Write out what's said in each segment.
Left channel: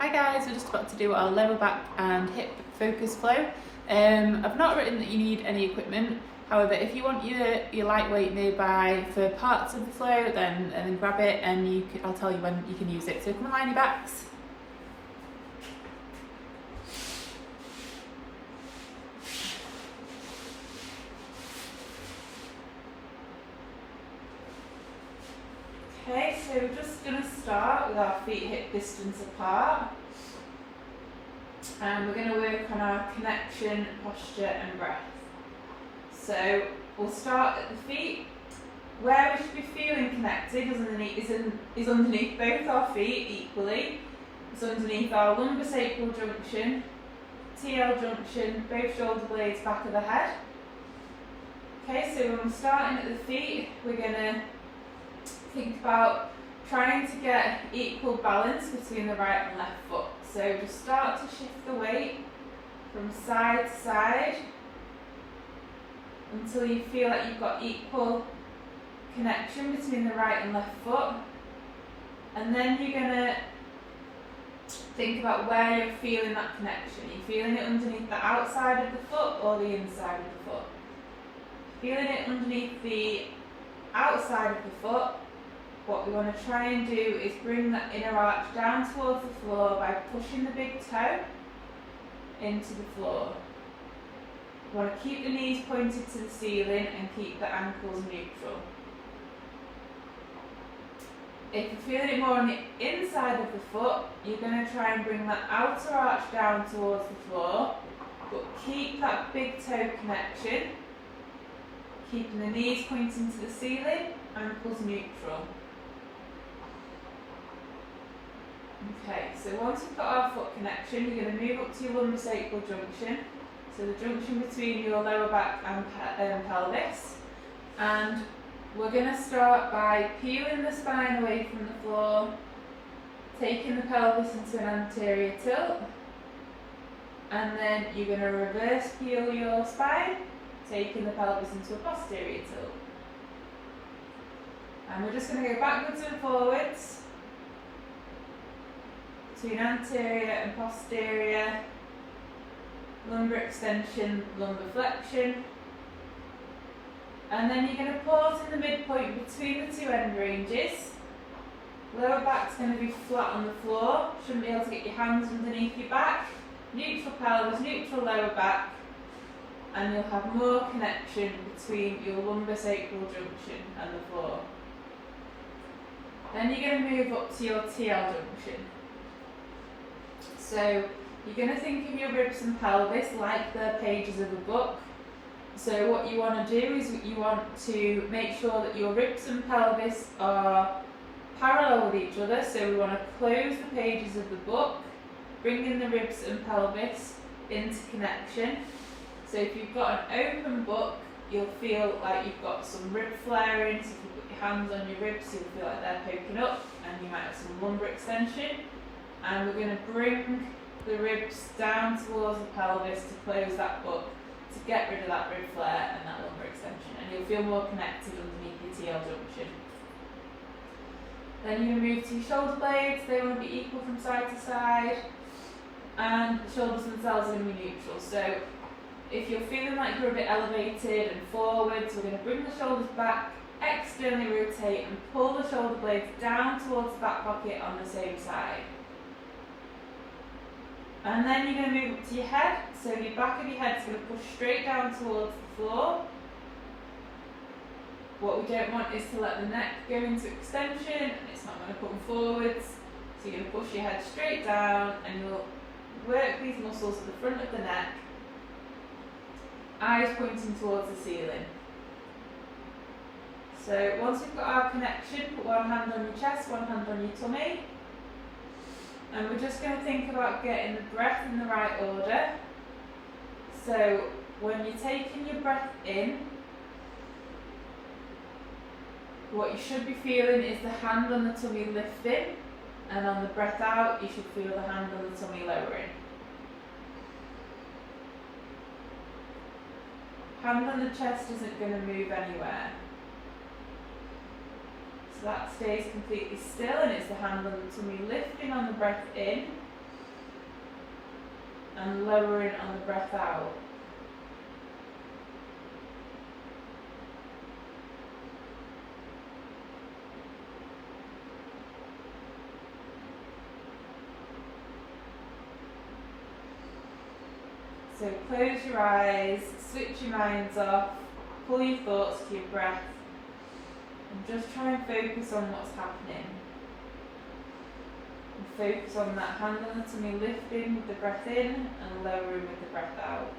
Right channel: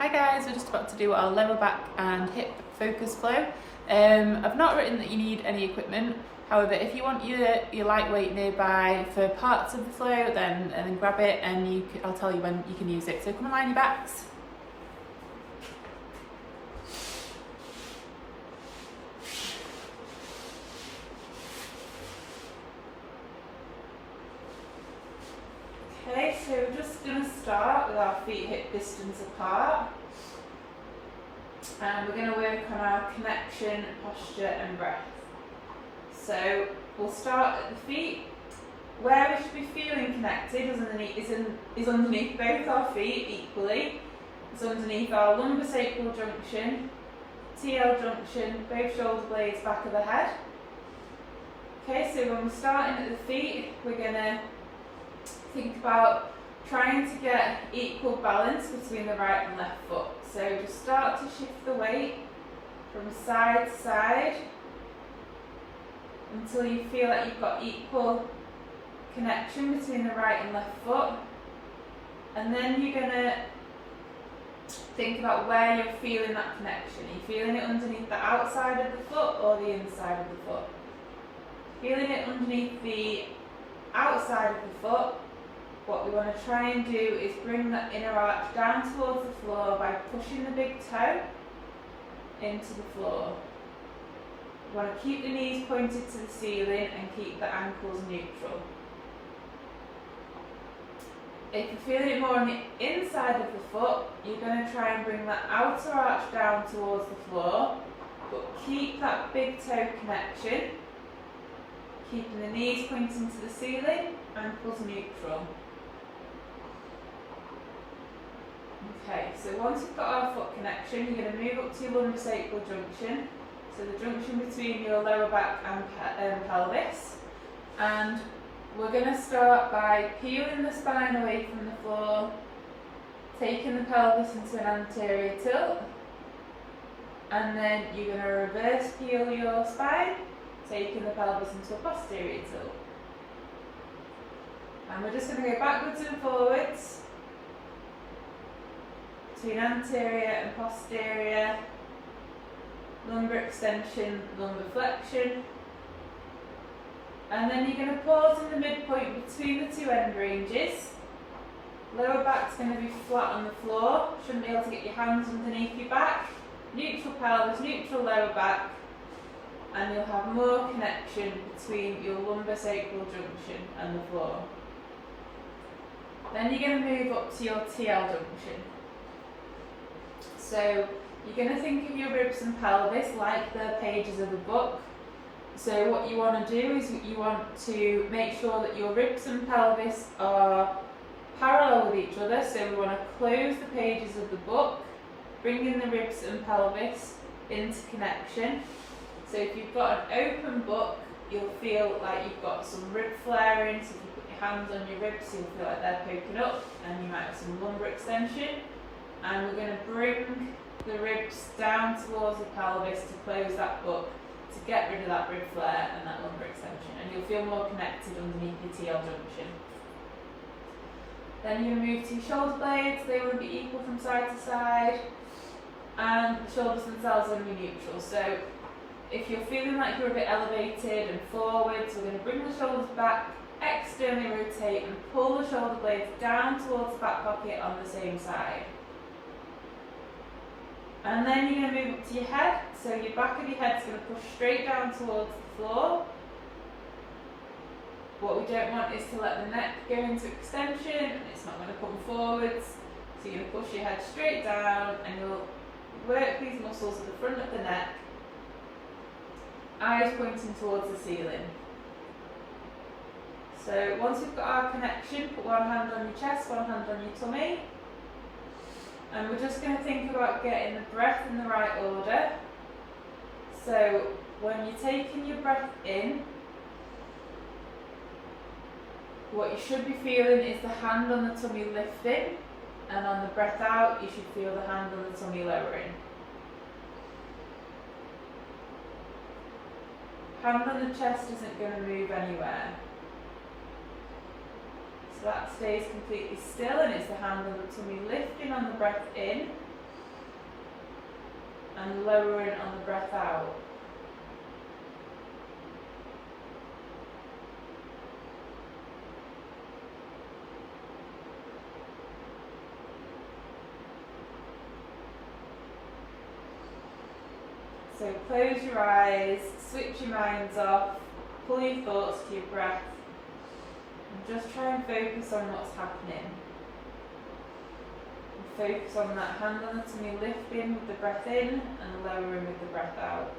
Hi guys, we're just about to do our lower back and hip focus flow. I've not written that you need any equipment. However, if you want your lightweight nearby for parts of the flow, then grab it and I'll tell you when you can use it. So come and line your backs. Okay, so we're just going to start with our feet hip distance apart, and we're going to work on our connection, posture and breath. So we'll start at the feet. Where we should be feeling connected is underneath both our feet equally. It's underneath our lumbosacral junction, TL junction, both shoulder blades, back of the head. Okay, so when we're starting at the feet, we're going to think about trying to get equal balance between the right and left foot. So just start to shift the weight from side to side until you feel like you've got equal connection between the right and left foot. And then you're going to think about where you're feeling that connection. Are you feeling it underneath the outside of the foot or the inside of the foot? Feeling it underneath the outside of the foot, what we want to try and do is bring that inner arch down towards the floor by pushing the big toe into the floor. We want to keep the knees pointed to the ceiling and keep the ankles neutral. If you're feeling it more on the inside of the foot, you're going to try and bring that outer arch down towards the floor, but keep that big toe connection, keeping the knees pointing to the ceiling, ankles neutral. Okay, so once we've got our foot connection, you're going to move up to your lumbosacral junction, so the junction between your lower back and pelvis, and we're going to start by peeling the spine away from the floor, taking the pelvis into an anterior tilt, and then you're going to reverse peel your spine, taking the pelvis into a posterior tilt. And we're just going to go backwards and forwards between anterior and posterior, lumbar extension, lumbar flexion, and then you're going to pause in the midpoint between the two end ranges. Lower back's going to be flat on the floor, shouldn't be able to get your hands underneath your back, neutral pelvis, neutral lower back, and you'll have more connection between your lumbosacral junction and the floor. Then you're going to move up to your TL junction. So you're going to think of your ribs and pelvis like the pages of a book. So what you want to do is you want to make sure that your ribs and pelvis are parallel with each other. So we want to close the pages of the book, bringing the ribs and pelvis into connection. So if you've got an open book, you'll feel like you've got some rib flaring. So if you put your hands on your ribs, you'll feel like they're poking up, and you might have some lumbar extension. And we're going to bring the ribs down towards the pelvis to close that book, to get rid of that rib flare and that lumbar extension, and you'll feel more connected underneath your TL junction. Then you move to your shoulder blades. They want to be equal from side to side, and the shoulders themselves are going to be neutral. So if you're feeling like you're a bit elevated and forwards, we're going to bring the shoulders back, externally rotate and pull the shoulder blades down towards the back pocket on the same side. And then you're going to move up to your head, so your back of your head's going to push straight down towards the floor. What we don't want is to let the neck go into extension, and it's not going to come forwards. So you're going to push your head straight down, and you'll work these muscles at the front of the neck, eyes pointing towards the ceiling. So once we've got our connection, put one hand on your chest, one hand on your tummy. And we're just going to think about getting the breath in the right order. So when you're taking your breath in, what you should be feeling is the hand on the tummy lifting, and on the breath out, you should feel the hand on the tummy lowering. Hand on the chest isn't going to move anywhere. So that stays completely still, and it's the hand on the tummy lifting on the breath in, and lowering on the breath out. So close your eyes, switch your minds off, pull your thoughts to your breath, and just try and focus on what's happening. And focus on that hand on the tummy lifting with the breath in and lowering with the breath out.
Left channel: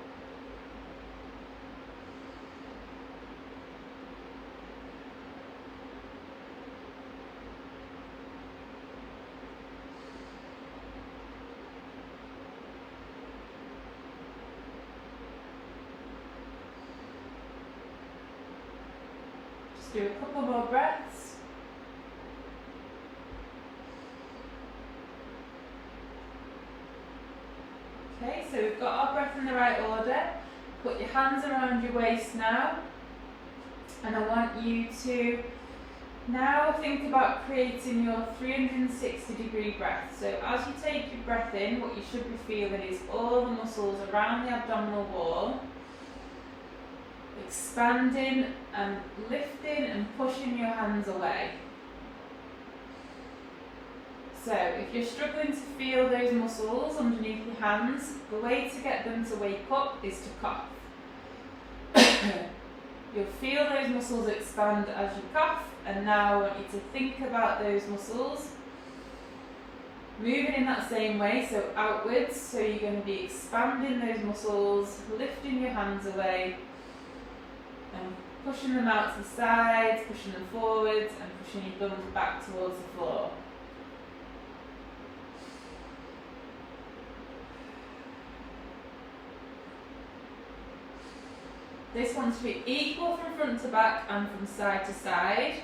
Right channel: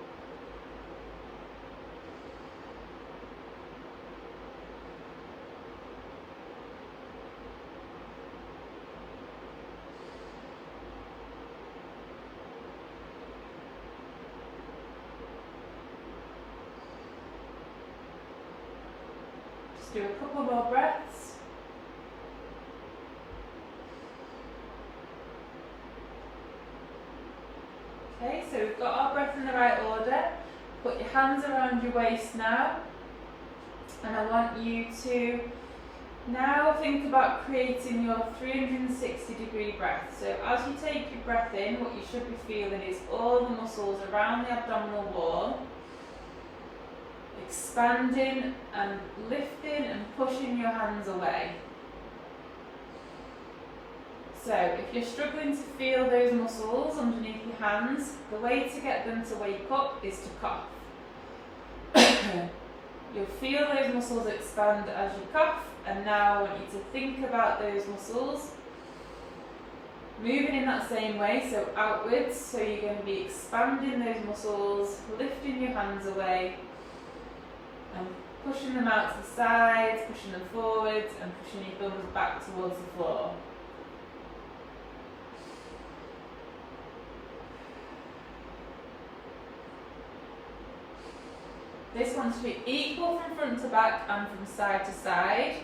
Just do a couple more breaths. Okay, so we've got our breath in the right order. Put your hands around your waist now. And I want you to now think about creating your 360-degree breath. So as you take your breath in, what you should be feeling is all the muscles around the abdominal wall expanding and lifting and pushing your hands away. So if you're struggling to feel those muscles underneath your hands, the way to get them to wake up is to cough. You'll feel those muscles expand as you cough, and now I want you to think about those muscles moving in that same way, so outwards. So you're going to be expanding those muscles, lifting your hands away and pushing them out to the sides, pushing them forwards and pushing your thumbs back towards the floor. This wants to be equal from front to back and from side to side.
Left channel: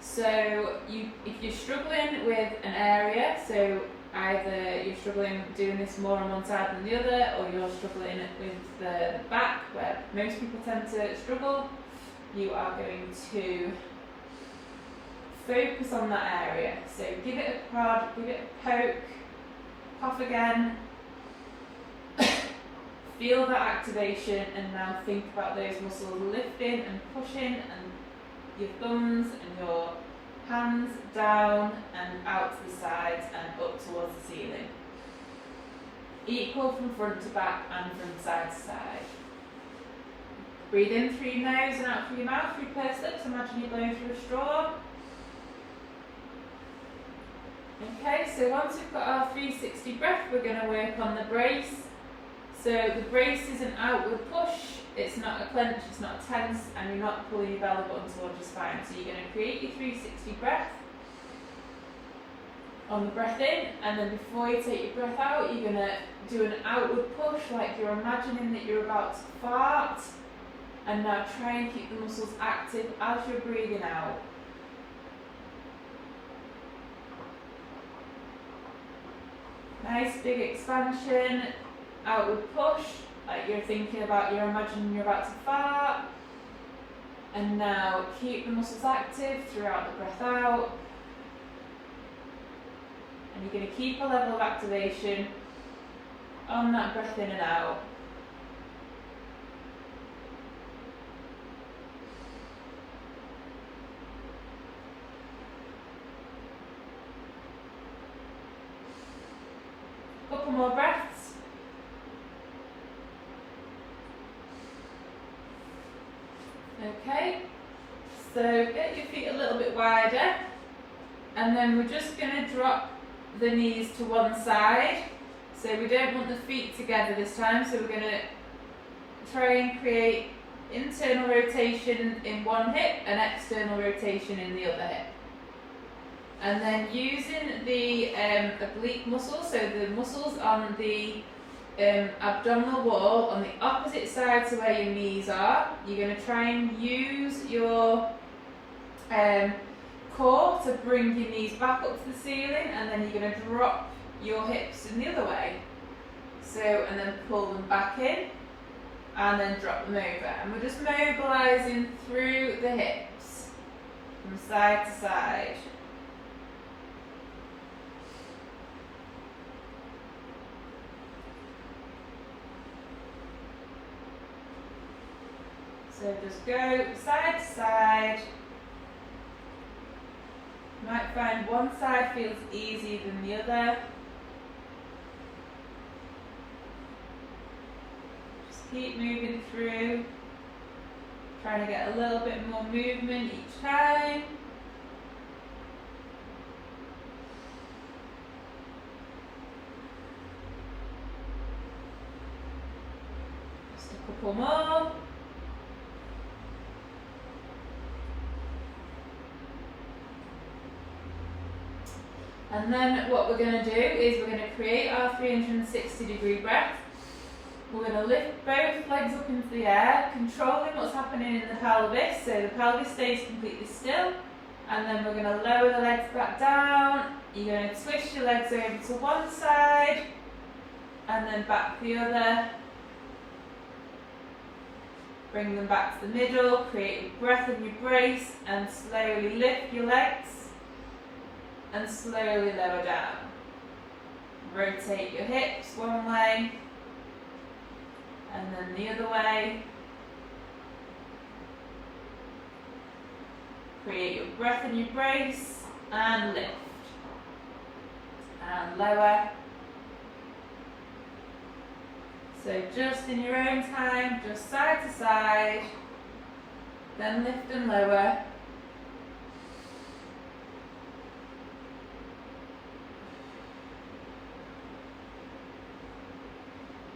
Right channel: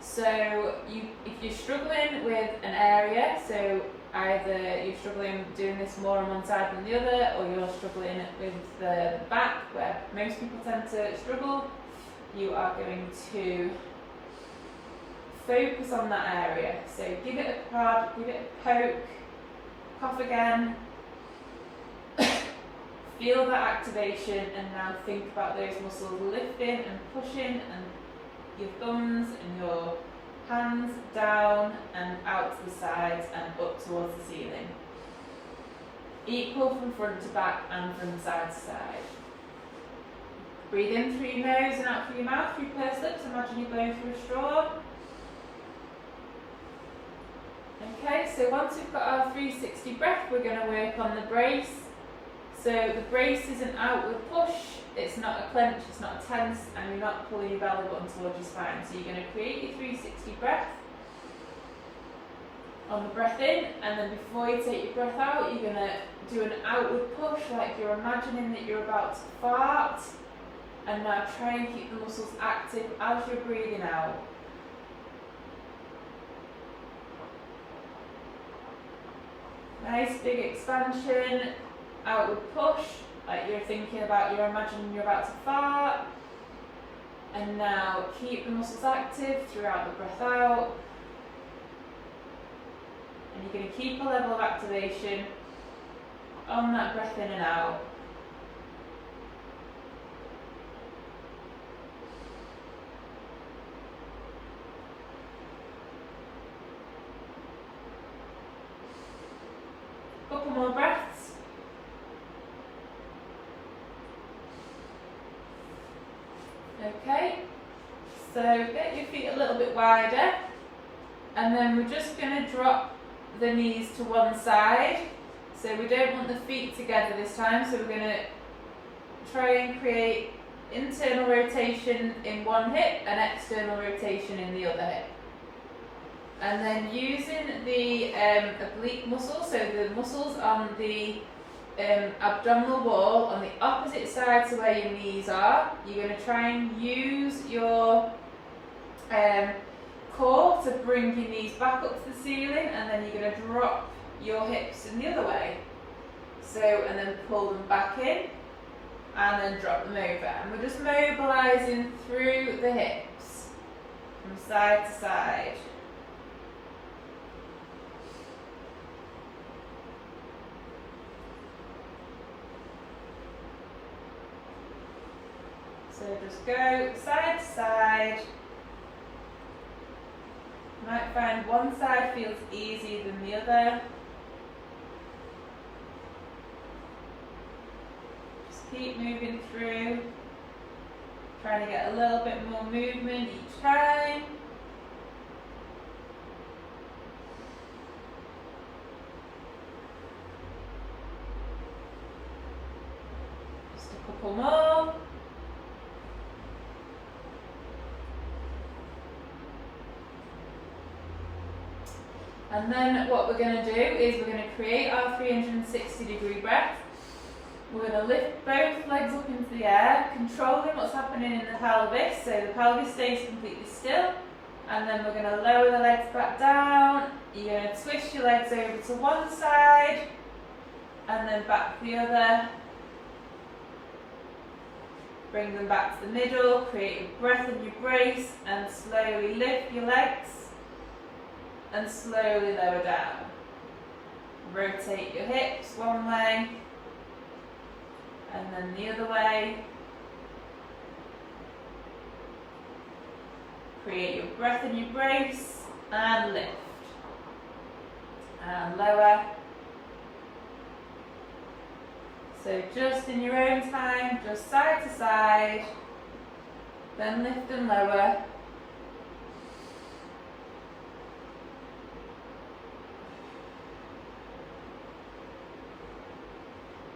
So if you're struggling with an area, so either you're struggling doing this more on one side than the other, or you're struggling with the back, where most people tend to struggle, you are going to focus on that area. So give it a prod, give it a poke, cough again. Feel that activation, and now think about those muscles lifting and pushing, and your thumbs and your hands down and out to the sides and up towards the ceiling. Equal from front to back and from side to side. Breathe in through your nose and out through your mouth, through pursed lips. Imagine you're blowing through a straw. Okay, so once we've got our 360 breath, we're going to work on the brace. So the brace is an outward push, it's not a clench, it's not a tense, and you're not pulling your belly button towards your spine. So you're going to create your 360 breath on the breath in, and then before you take your breath out, you're going to do an outward push, like you're imagining that you're about to fart. And now try and keep the muscles active as you're breathing out. Nice big expansion. Outward push, like you're thinking about, you're imagining you're about to fart. And now keep the muscles active throughout the breath out. And you're going to keep a level of activation on that breath in and out. Couple more breaths. Okay, so get your feet a little bit wider, and then we're just going to drop the knees to one side. So we don't want the feet together this time, so we're going to try and create internal rotation in one hip and external rotation in the other hip. And then using the oblique muscles, so the muscles on the abdominal wall on the opposite side to where your knees are, you're going to try and use your core to bring your knees back up to the ceiling, and then you're going to drop your hips in the other way. So, and then pull them back in, and then drop them over. And we're just mobilising through the hips, from side to side. So just go side to side. You might find one side feels easier than the other. Just keep moving through, trying to get a little bit more movement each time. Just a couple more. And then what we're going to do is we're going to create our 360-degree breath. We're going to lift both legs up into the air, controlling what's happening in the pelvis, so the pelvis stays completely still. And then we're going to lower the legs back down. You're going to twist your legs over to one side, and then back the other. Bring them back to the middle, create your breath in your brace, and slowly lift your legs. And slowly lower down. Rotate your hips one way and then the other way. Create your breath in your brace and lift. And lower. So just in your own time, just side to side, then lift and lower.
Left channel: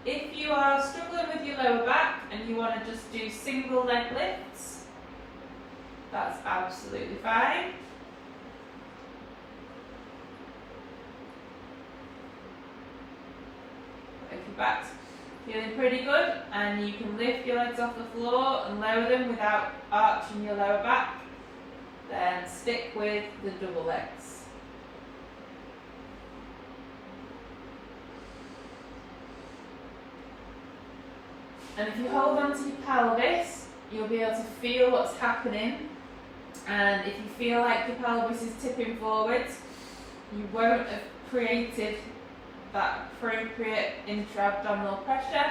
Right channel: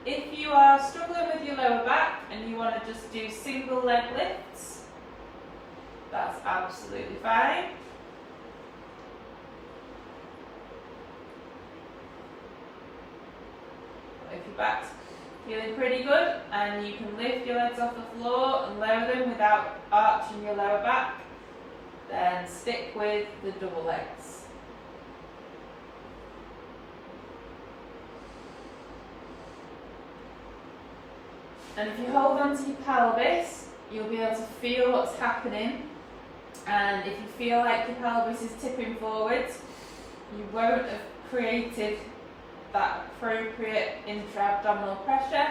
If you are struggling with your lower back and you want to just do single leg lifts, that's absolutely fine. If your back's feeling pretty good and you can lift your legs off the floor and lower them without arching your lower back, then stick with the double legs. And if you hold on to your pelvis, you'll be able to feel what's happening. And if you feel like your pelvis is tipping forwards, you won't have created that appropriate intra-abdominal pressure,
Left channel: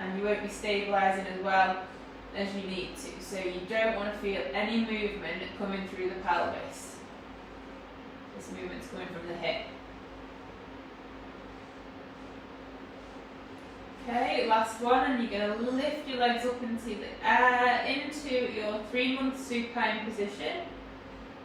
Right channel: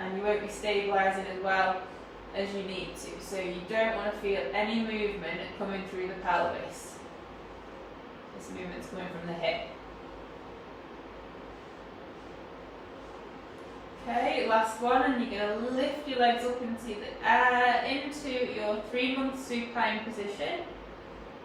and you won't be stabilising as well as you need to. So you don't want to feel any movement coming through the pelvis. This movement's coming from the hip. Okay, last one, and you're going to lift your legs up into the air, into your 3-month supine position.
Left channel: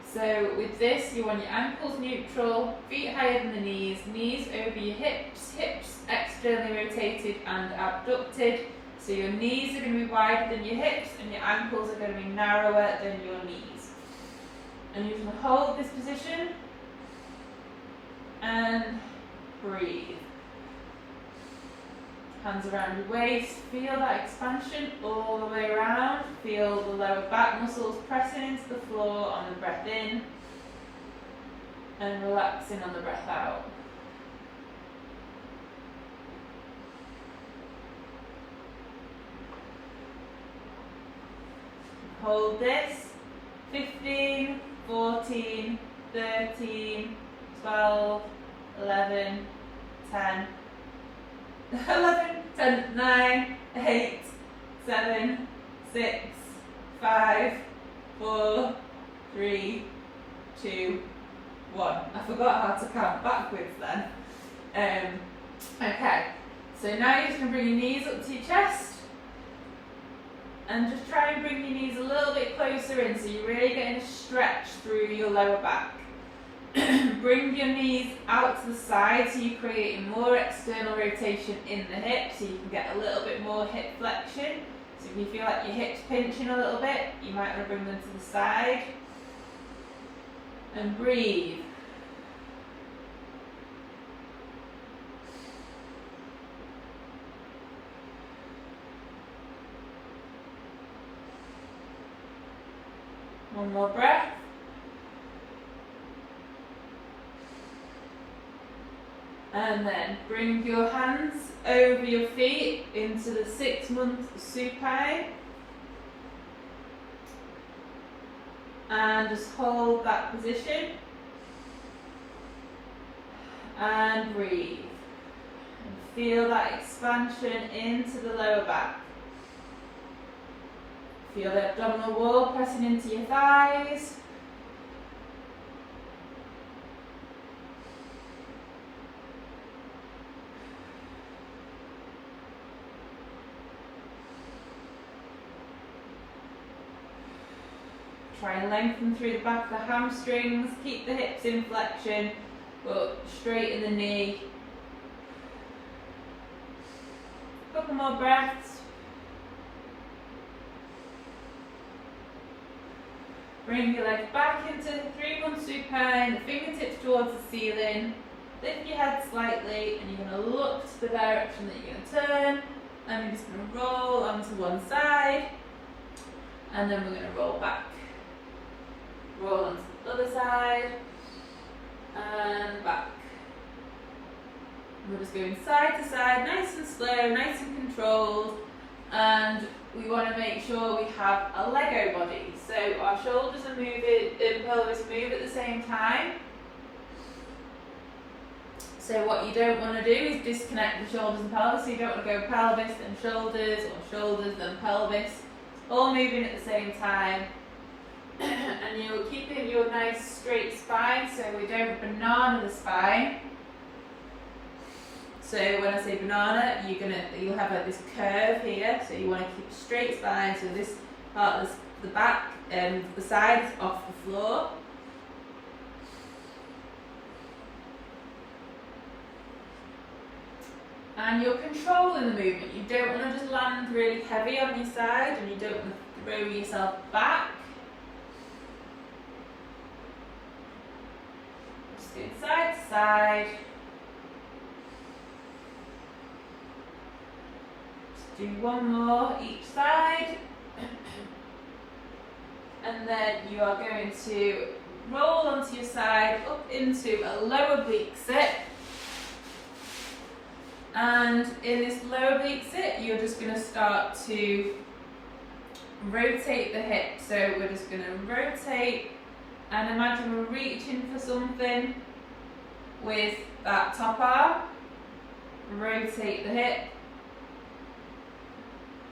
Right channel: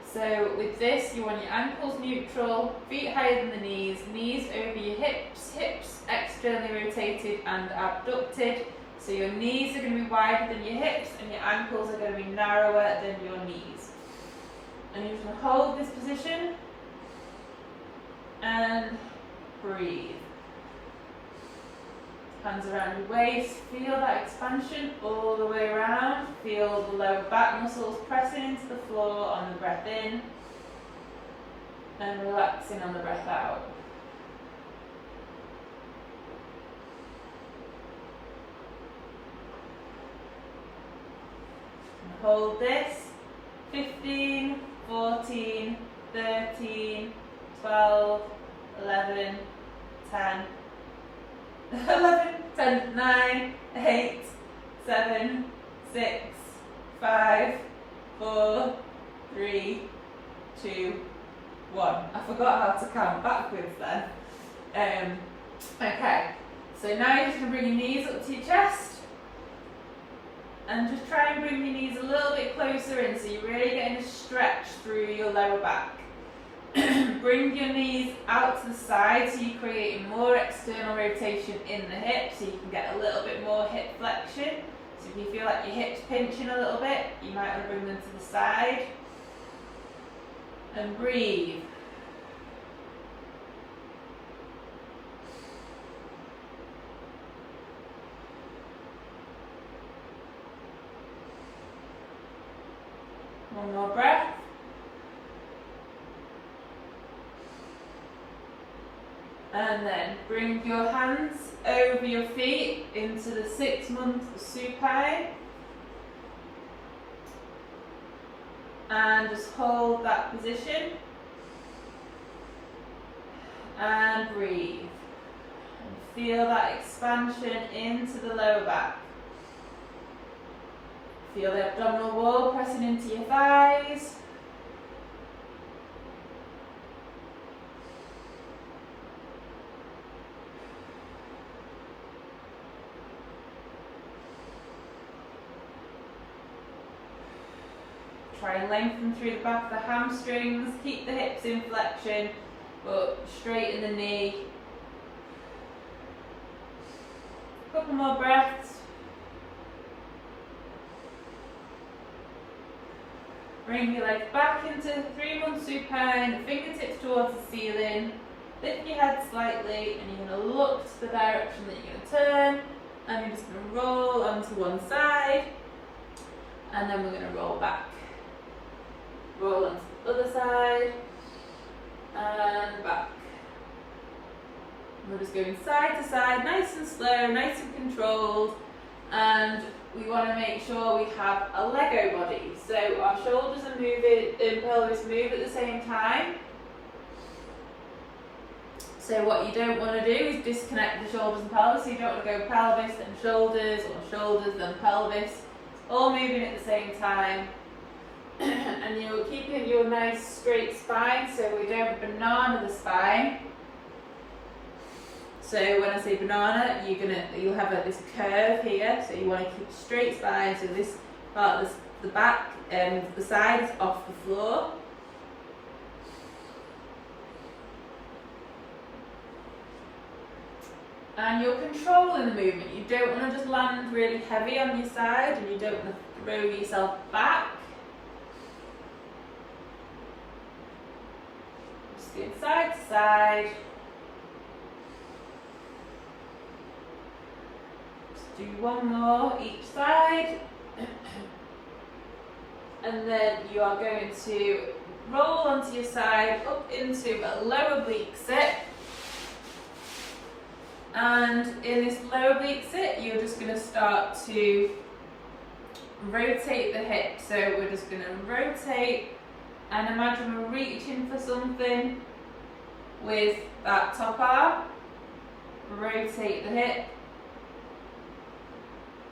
So with this, you want your ankles neutral, feet higher than the knees over your hips, hips externally rotated and abducted. So your knees are going to be wider than your hips and your ankles are going to be narrower than your knees. And you're just going to hold this position and breathe. Hands around your waist, feel that expansion all the way around. Feel the lower back muscles pressing into the floor on the breath in and relaxing on the breath out. And hold this. 15, 14, 13, 12, 11, 10, 11, 10, 9, 8, 7, 6, 5, 4, 3, 2, 1. I forgot how to count backwards then. Okay, so now you're just going to bring your knees up to your chest and just try and bring your knees a little bit closer in so you're really getting a stretch through your lower back. Bring your knees out to the side so you're creating more external rotation in the hip so you can get a little bit more hip flexion. So if you feel like your hips pinching a little bit, you might want to bring them to the side. And breathe. One more breath. And then bring your hands over your feet into the 6-month supine. And just hold that position. And breathe. And feel that expansion into the lower back. Feel the abdominal wall pressing into your thighs. Try and lengthen through the back of the hamstrings. Keep the hips in flexion, but straighten the knee. Couple more breaths. Bring your legs back into 3-1 supine, fingertips towards the ceiling. Lift your head slightly, and you're going to look to the direction that you're going to turn. And you're just going to roll onto one side, and then we're going to roll back. Roll onto the other side, and back. We're just going side to side, nice and slow, nice and controlled, and we want to make sure we have a Lego body. So our shoulders are moving, and pelvis move at the same time. So what you don't want to do is disconnect the shoulders and pelvis. So you don't want to go pelvis then shoulders, or shoulders then pelvis. All moving at the same time. And you're keeping your nice straight spine, so we don't banana the spine. So when I say banana, you'll have this curve here. So you want to keep a straight spine. So this part of the back and the side is off the floor. And you're controlling the movement. You don't want to just land really heavy on your side, and you don't want to throw yourself back. Just doing side to side. Just do one more each side. And then you are going to roll onto your side up into a lower oblique sit. And in this lower oblique sit, you're just going to start to rotate the hip. So we're just going to rotate, and imagine we're reaching for something with that top arm. Rotate the hip.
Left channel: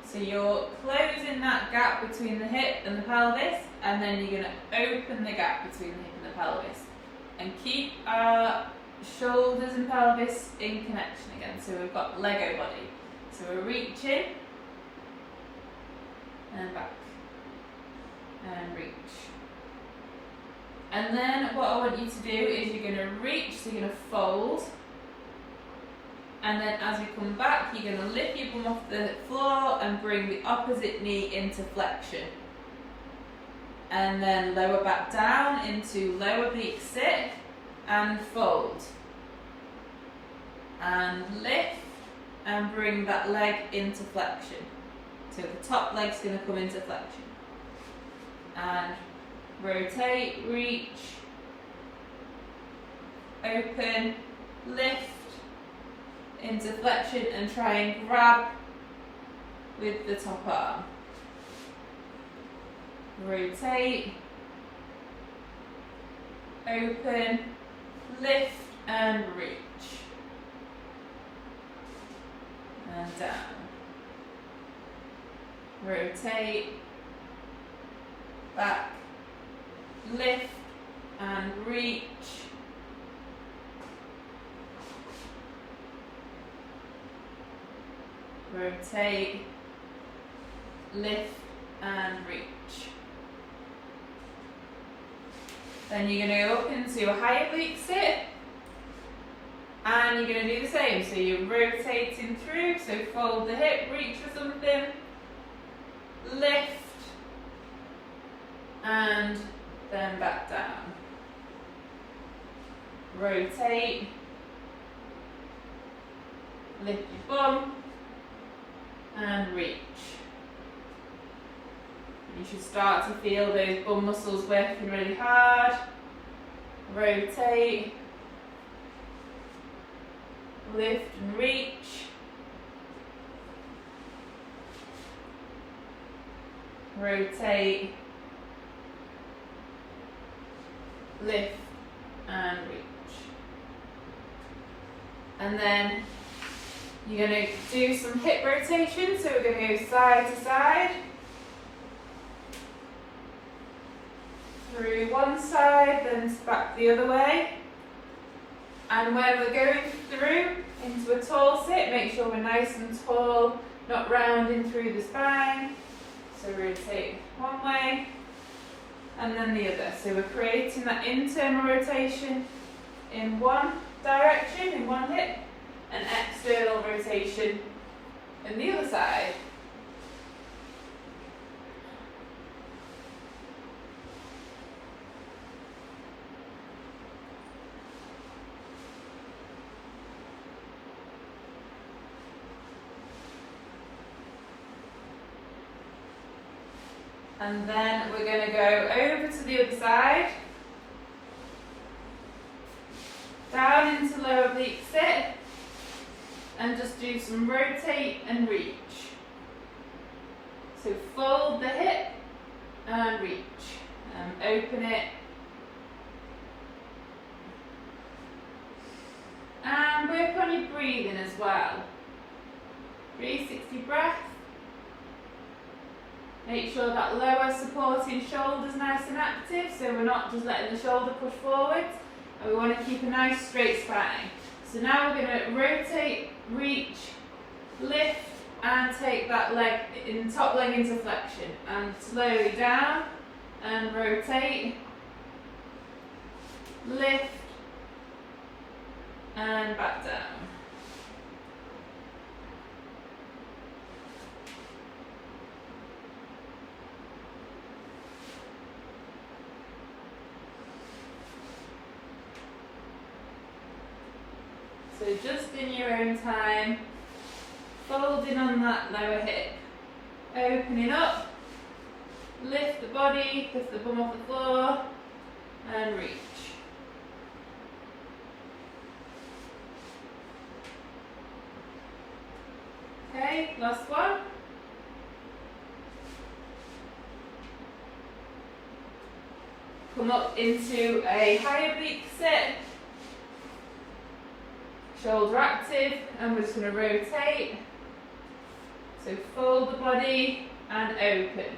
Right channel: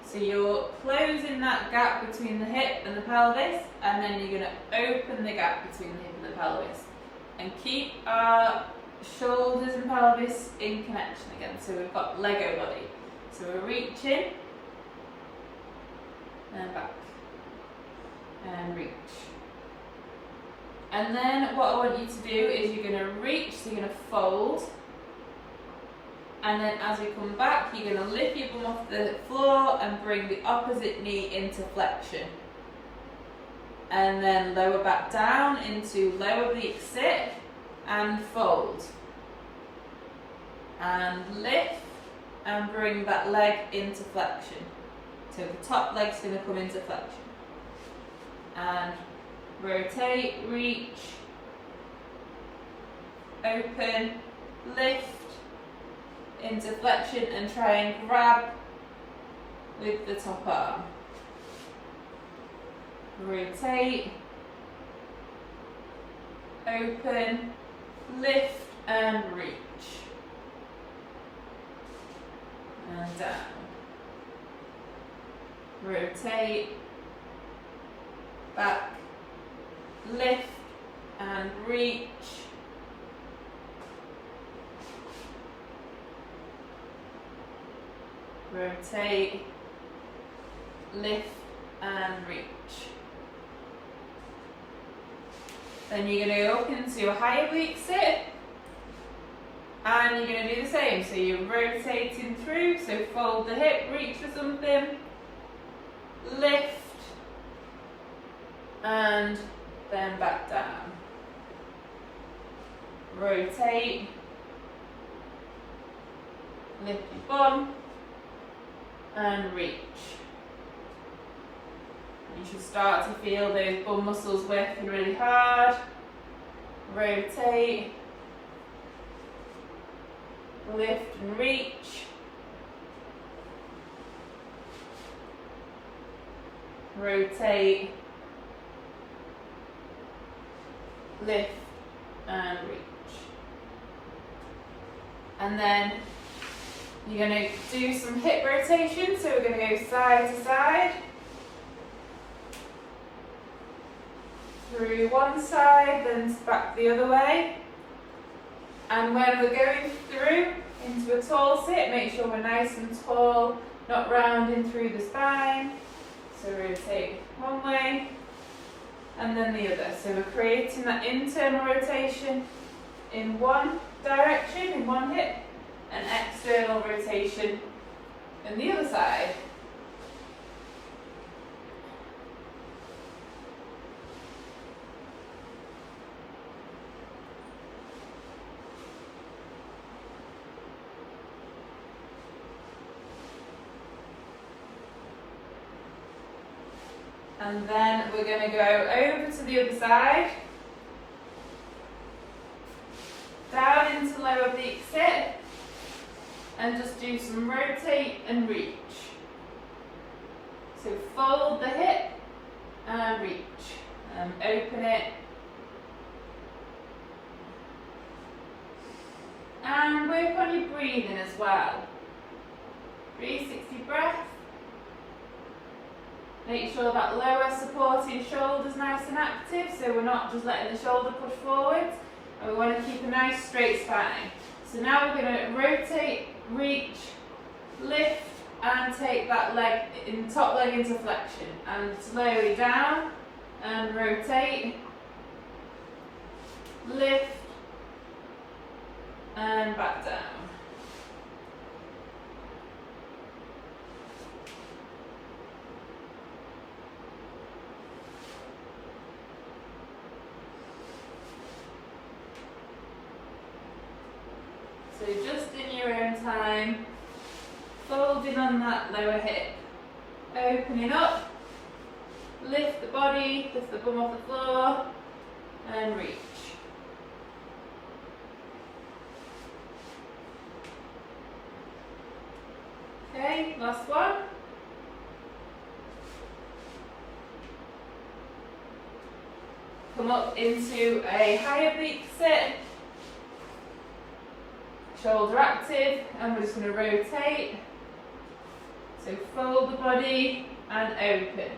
So you're closing that gap between the hip and the pelvis, and then you're going to open the gap between the hip and the pelvis. And keep our shoulders and pelvis in connection again. So we've got Lego body. So we're reaching, and back, and reach. And then what I want you to do is you're going to reach, so you're going to fold. And then as you come back, you're going to lift your bum off the floor and bring the opposite knee into flexion. And then lower back down into lower oblique sit and fold. And lift and bring that leg into flexion. So the top leg's going to come into flexion. And rotate, reach, open, lift, into flexion, and try and grab with the top arm. Rotate, open, lift and reach. And down. Rotate, back, lift and reach. Rotate, lift and reach. Then you're going to go up into a high oblique sit, and you're going to do the same. So you're rotating through, so fold the hip, reach for something, lift, and then back down. Rotate, lift your bum, and reach. You should start to feel those bum muscles working really hard. Rotate, lift and reach. Rotate, lift and reach. And then you're going to do some hip rotation, so we're going to go side to side. through one side, then back the other way. And when we're going through into a tall sit, make sure we're nice and tall, not rounding through the spine. So rotate one way and then the other. So we're creating that internal rotation in one direction, in one hip, and external rotation in the other side. And then we're going to go over to the other side, down into lower oblique sit, and just do some rotate and reach. So fold the hip and reach, open it, and work on your breathing as well. 360 breath. Make sure that lower supporting shoulder is nice and active, so we're not just letting the shoulder push forward, and we want to keep a nice straight spine. So now we're going to rotate, reach, lift, and take that leg, top leg into flexion, and slowly down, and rotate, lift, and back down. So just in your own time, folding on that lower hip, opening up, lift the body, lift the bum off the floor, and reach. Okay, last one. Come up into a high oblique sit. Shoulder active, and we're just going to rotate. So fold the body and open.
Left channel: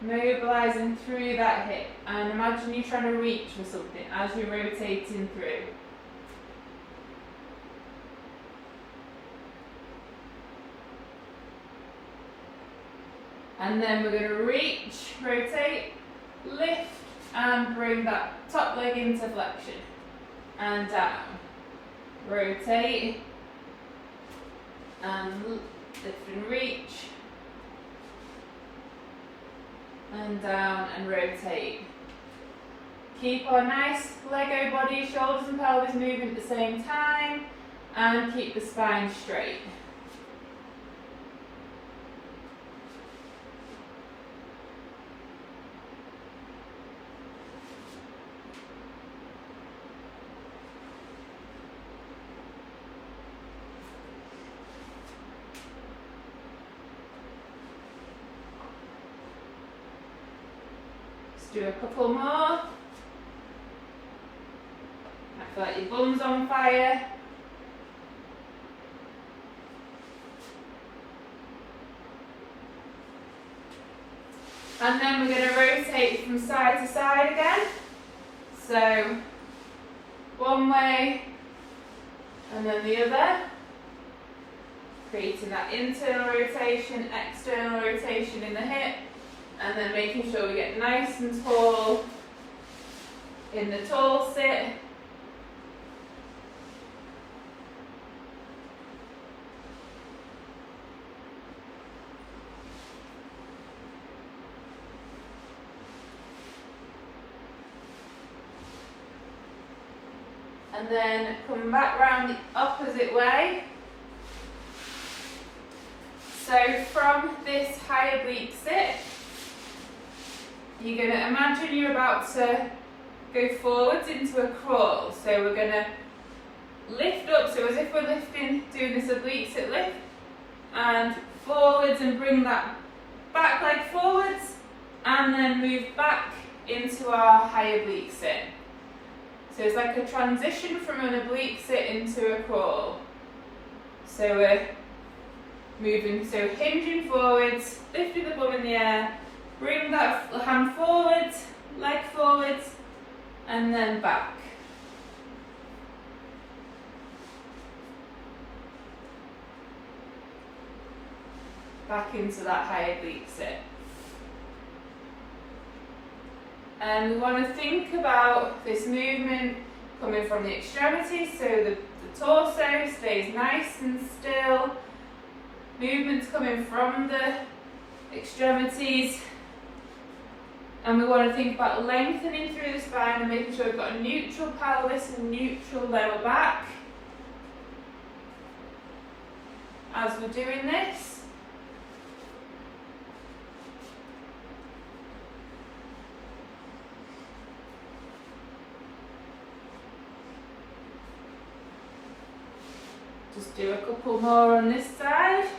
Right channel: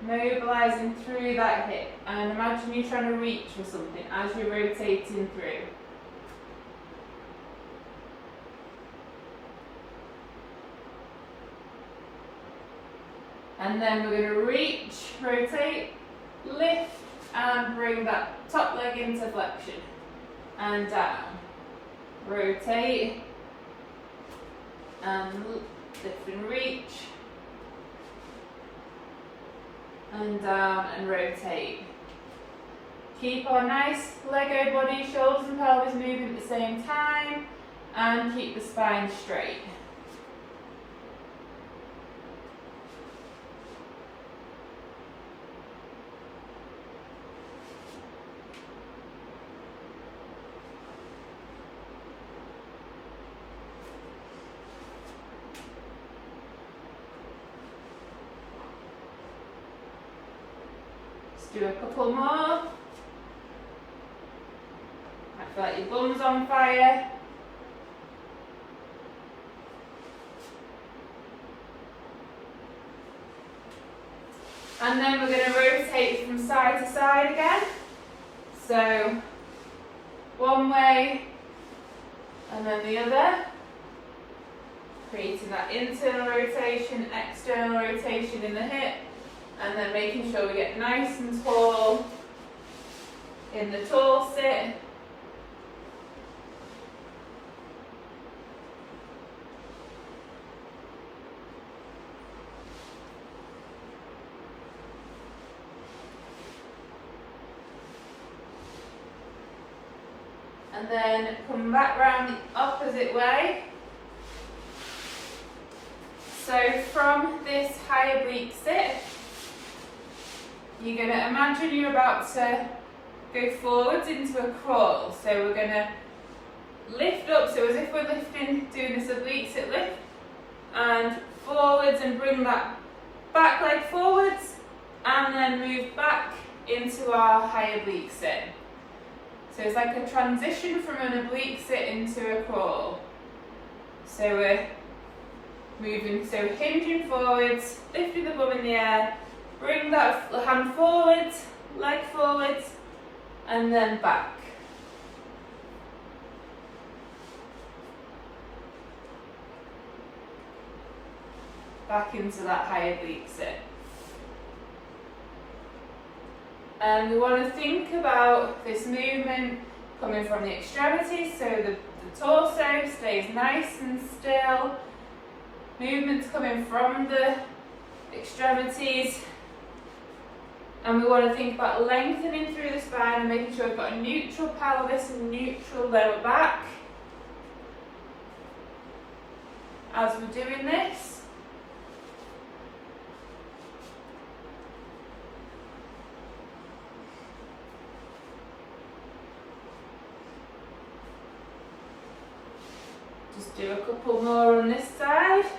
Mobilising through that hip. And imagine you're trying to reach for something as you're rotating through. And then we're going to reach, rotate, lift, and bring that top leg into flexion. And down. Rotate and lift and reach, and down and rotate. Keep our nice Lego body, shoulders and pelvis moving at the same time, and keep the spine straight. Do a couple more. I feel like your bum's on fire. And then we're going to rotate from side to side again. So one way and then the other. Creating that internal rotation, external rotation in the hip. And then making sure we get nice and tall in the tall sit. And then come back round the opposite way. So from this high oblique sit, you're going to imagine you're about to go forwards into a crawl. So we're going to lift up, so as if we're lifting, doing this oblique sit lift, and forwards and bring that back leg forwards, and then move back into our high oblique sit. So it's like a transition from an oblique sit into a crawl. So we're moving, so hinging forwards, lifting the bum in the air, bring that hand forwards, leg forwards, and then back. Back into that high oblique sit. And we want to think about this movement coming from the extremities, so the torso stays nice and still. Movement's coming from the extremities. And we want to think about lengthening through the spine and making sure we've got a neutral pelvis and neutral lower back as we're doing this. Just do a couple more on this side.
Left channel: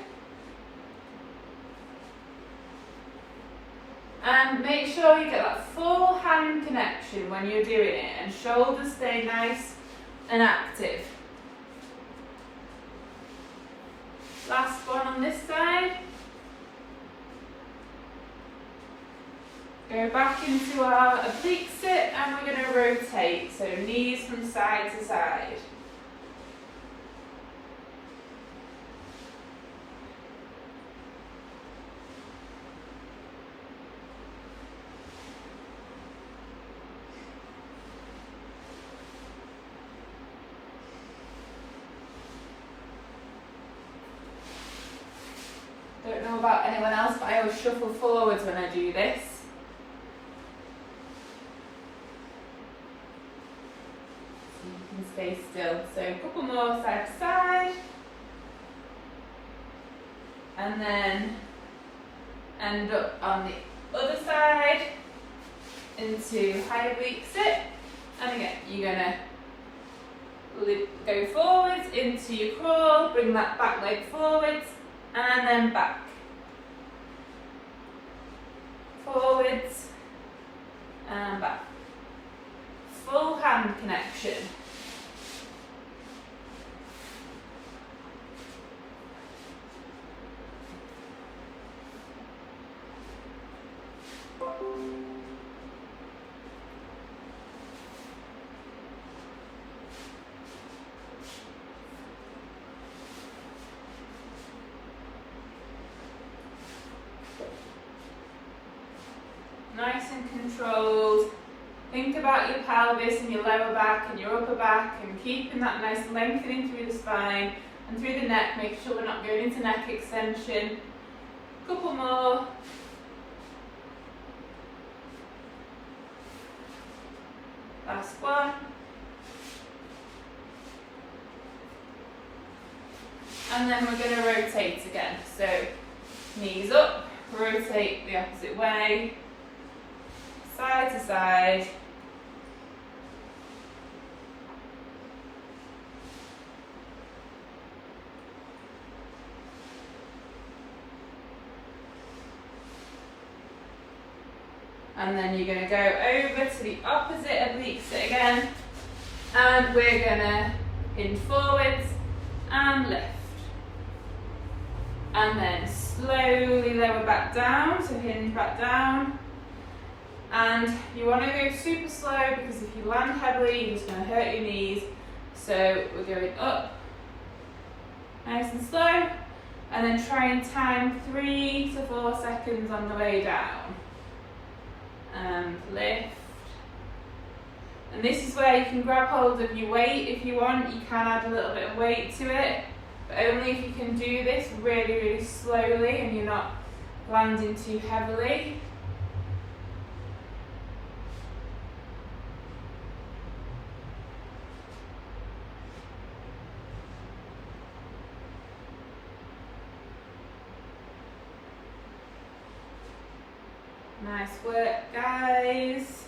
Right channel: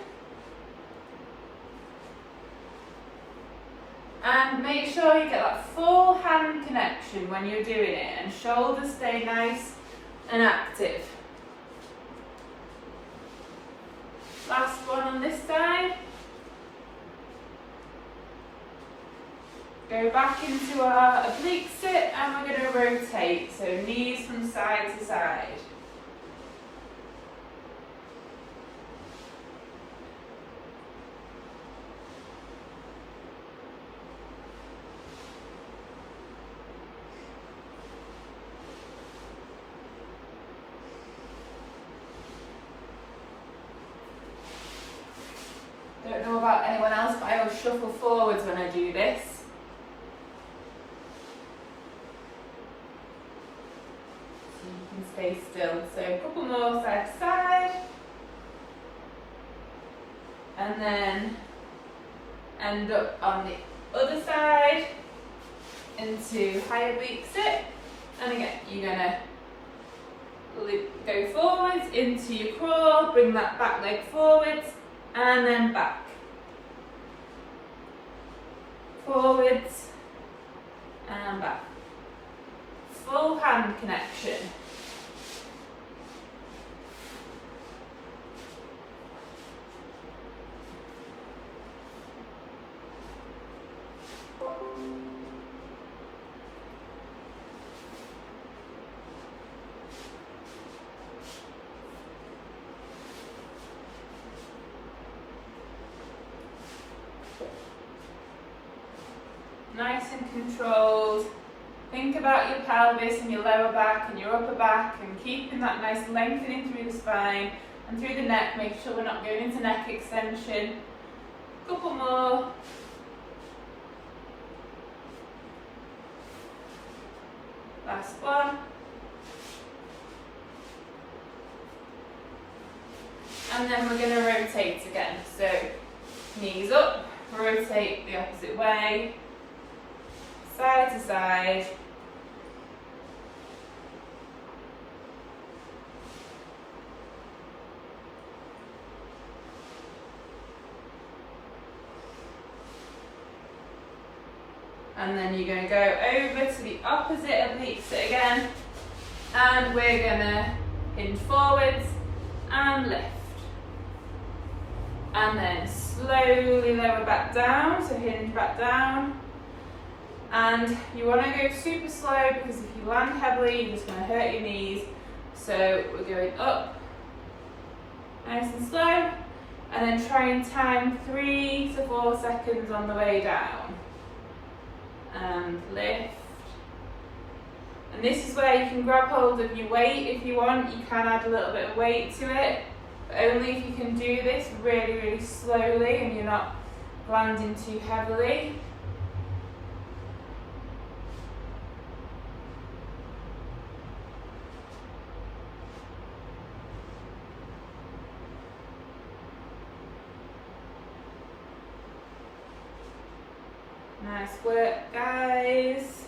And make sure you get that full hand connection when you're doing it, and shoulders stay nice and active. Last one on this side. Go back into our oblique sit, and we're going to rotate, so knees from side to side. Don't know about anyone else, but I always shuffle forwards when I do this. So you can stay still. So a couple more side to side. And then end up on the other side into high oblique sit. And again, you're going to go forwards into your crawl, bring that back leg forwards, and then back. Forwards and back. Full hand connection. Nice and controlled. Think about your pelvis and your lower back and your upper back, and keeping that nice lengthening through the spine and through the neck, making sure we're not going into neck extension. Couple more. Last one. And then we're going to rotate again. So knees up, rotate the opposite way. Side to side. And then you're going to go over to the opposite oblique sit again. And we're going to hinge forwards and lift. And then slowly lower back down, so hinge back down. And you want to go super slow, because if you land heavily, you're just going to hurt your knees. So we're going up, nice and slow, and then try and time 3 to 4 seconds on the way down. And lift. And this is where you can grab hold of your weight if you want. You can add a little bit of weight to it, but only if you can do this really, really slowly and you're not landing too heavily. Nice work, guys.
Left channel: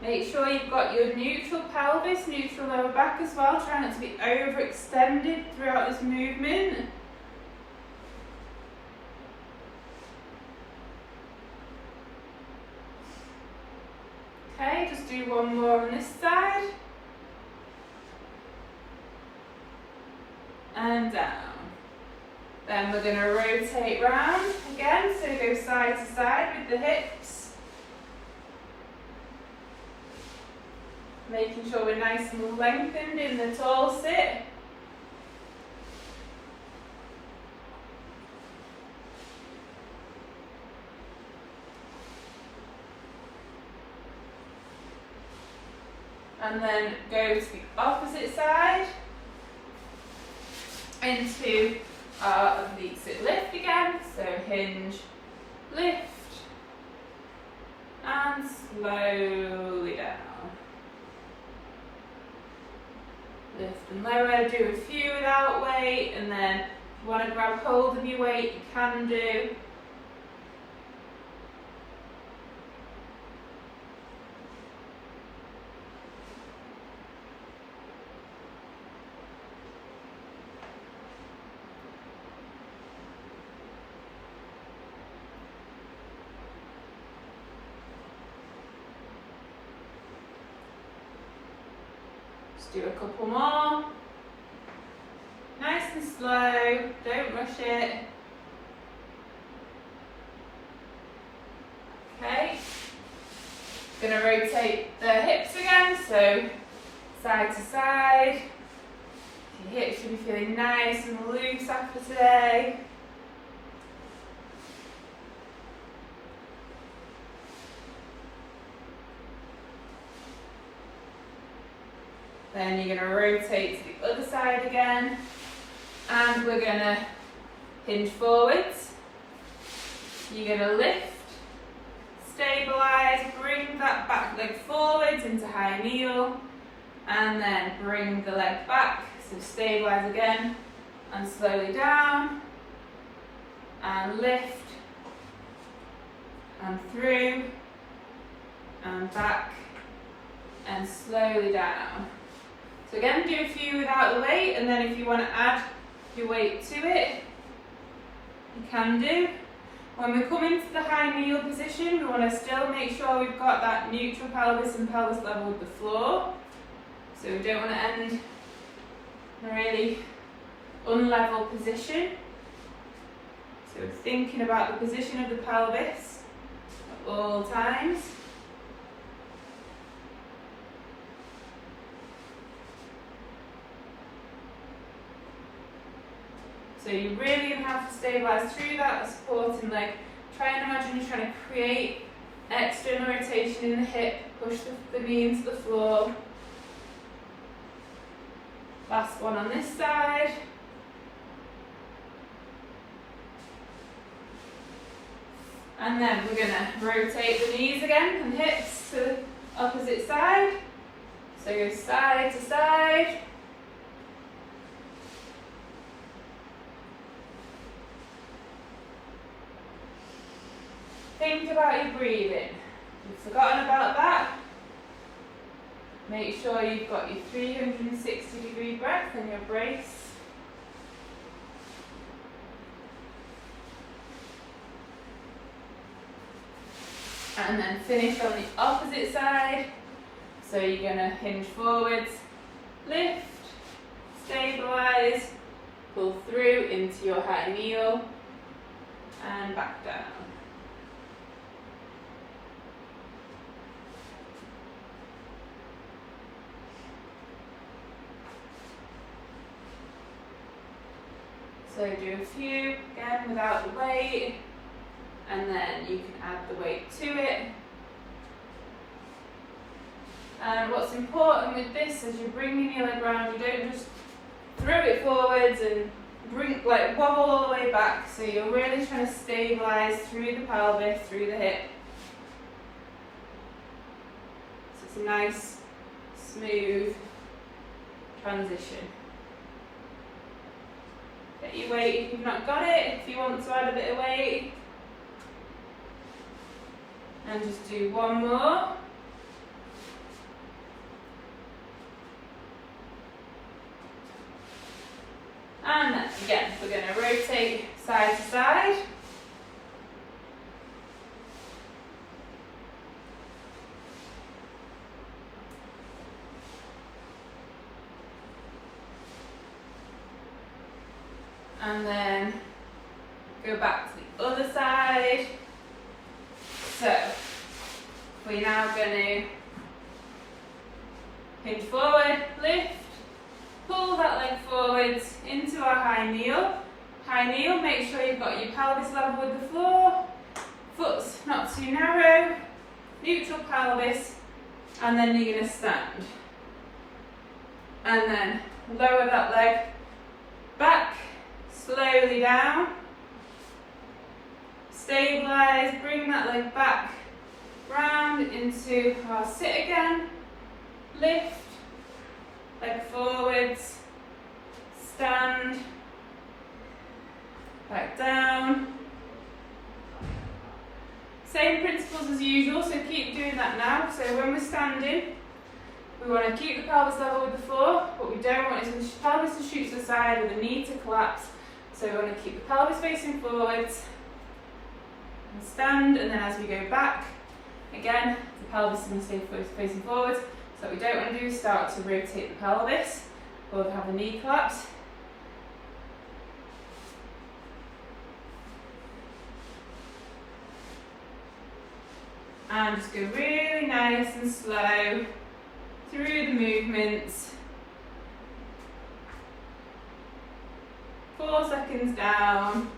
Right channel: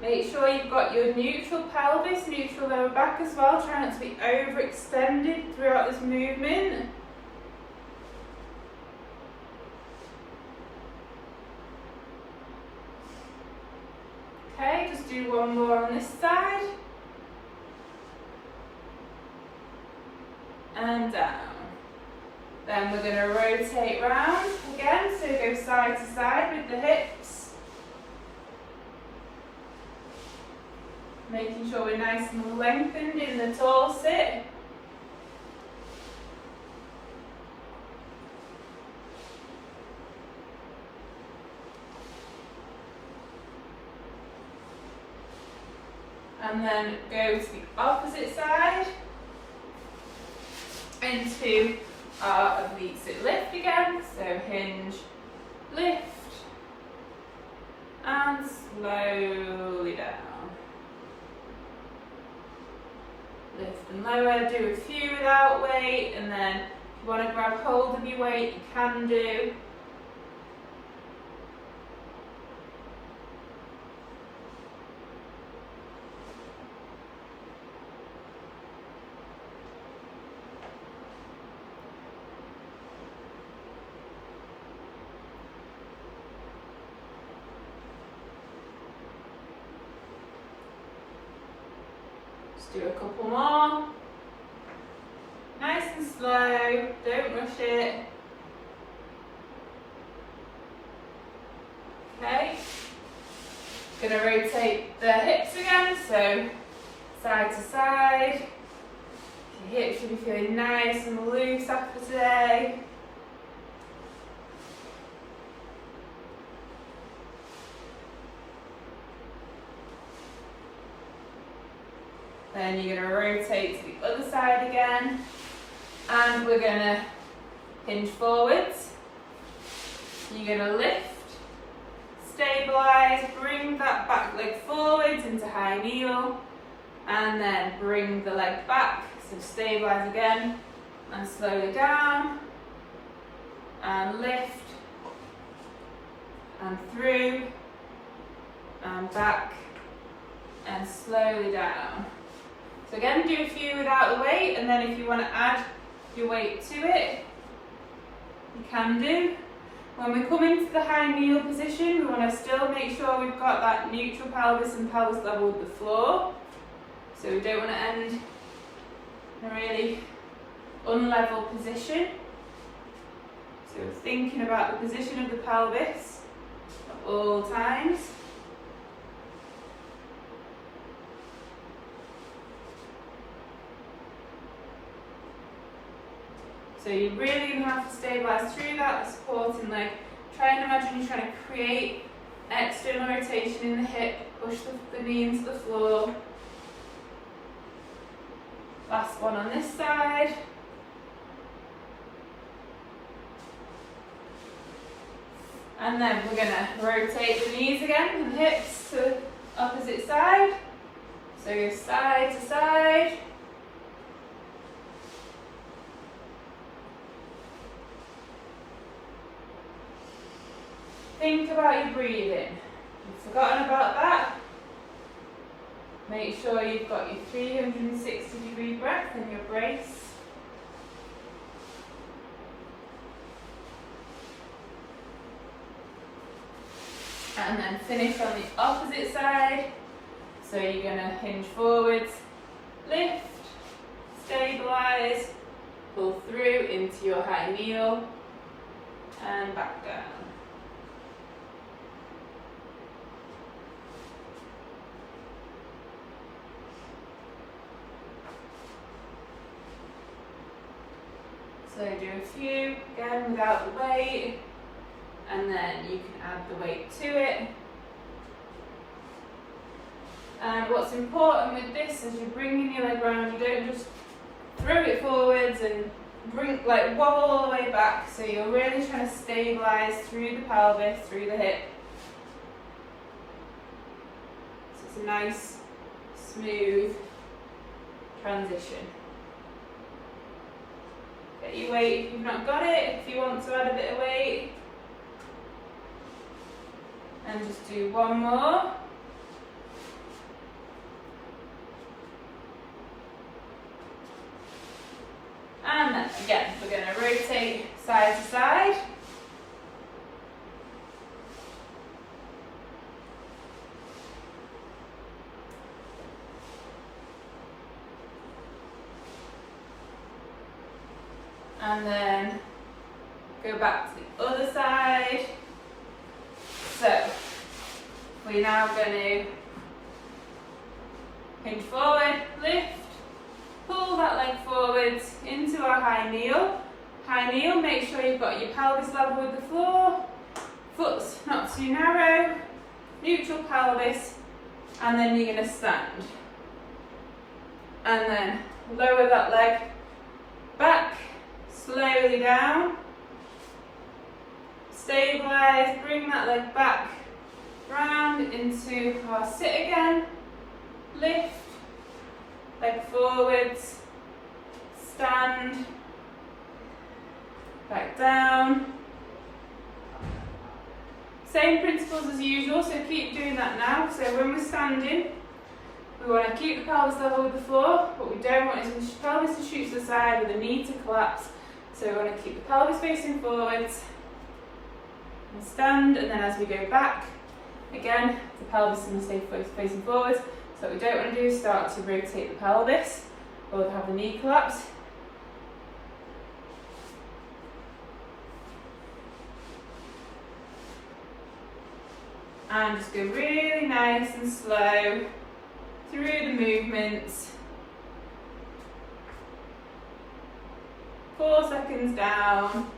Make sure you've got your neutral pelvis, neutral lower back as well. Try not to be overextended throughout this movement. Okay, just do one more on this side. And down. Then we're going to rotate round again, so go side to side with the hips. Making sure we're nice and lengthened in the tall sit. And then go to the opposite side into our oblique sit lift again. So hinge, lift, and slowly down. Lift and lower, do a few without weight, and then if you want to grab hold of your weight, you can do. Do a couple more. Nice and slow, don't rush it. Okay. Gonna rotate the hips again, so side to side. Your hips should be feeling nice and loose after today. Then you're going to rotate to the other side again, and we're going to hinge forwards. You're going to lift, stabilise, bring that back leg forwards into high kneel, and then bring the leg back. So stabilise again, and slowly down, and lift, and through, and back, and slowly down. So again, do a few without the weight, and then if you want to add your weight to it, you can do. When we come into the high kneel position, we want to still make sure we've got that neutral pelvis and pelvis level with the floor. So we don't want to end in a really unlevel position. So we're thinking about the position of the pelvis at all times. So you're really going to have to stabilise through that supporting leg. Try and imagine you're trying to create external rotation in the hip, push the knee into the floor. Last one on this side. And then we're going to rotate the knees again and hips to the opposite side. So go side to side. Think about your breathing. If you've forgotten about that, make sure you've got your 360-degree breath and your brace. And then finish on the opposite side. So you're going to hinge forwards, lift, stabilise, pull through into your high kneel, and back down. So do a few, again without the weight, and then you can add the weight to it. And what's important with this is you're bringing your leg round, you don't just throw it forwards and wobble all the way back. So you're really trying to stabilise through the pelvis, through the hip. So it's a nice, smooth transition. Get your weight if you've not got it, if you want to add a bit of weight. And just do one more. And then again, we're going to rotate side to side. And then Go back to the other side. So we're now going to hinge forward, lift, pull that leg forwards into our high kneel. High kneel, make sure you've got your pelvis level with the floor, foot's not too narrow, neutral pelvis, and then you're going to stand. And then lower that leg back, slowly down, stabilise, bring that leg back, round into our sit again, lift, leg forwards, stand, back down. Same principles as usual, so keep doing that now. So when we're standing, we want to keep the pelvis level with the floor. What we don't want is the pelvis to shoot to the side or the knee to collapse. So we want to keep the pelvis facing forwards and stand, and then as we go back, again, the pelvis is going to stay facing forwards. So what we don't want to do is start to rotate the pelvis or have the knee collapse. And just go really nice and slow through the movements. 4 seconds down,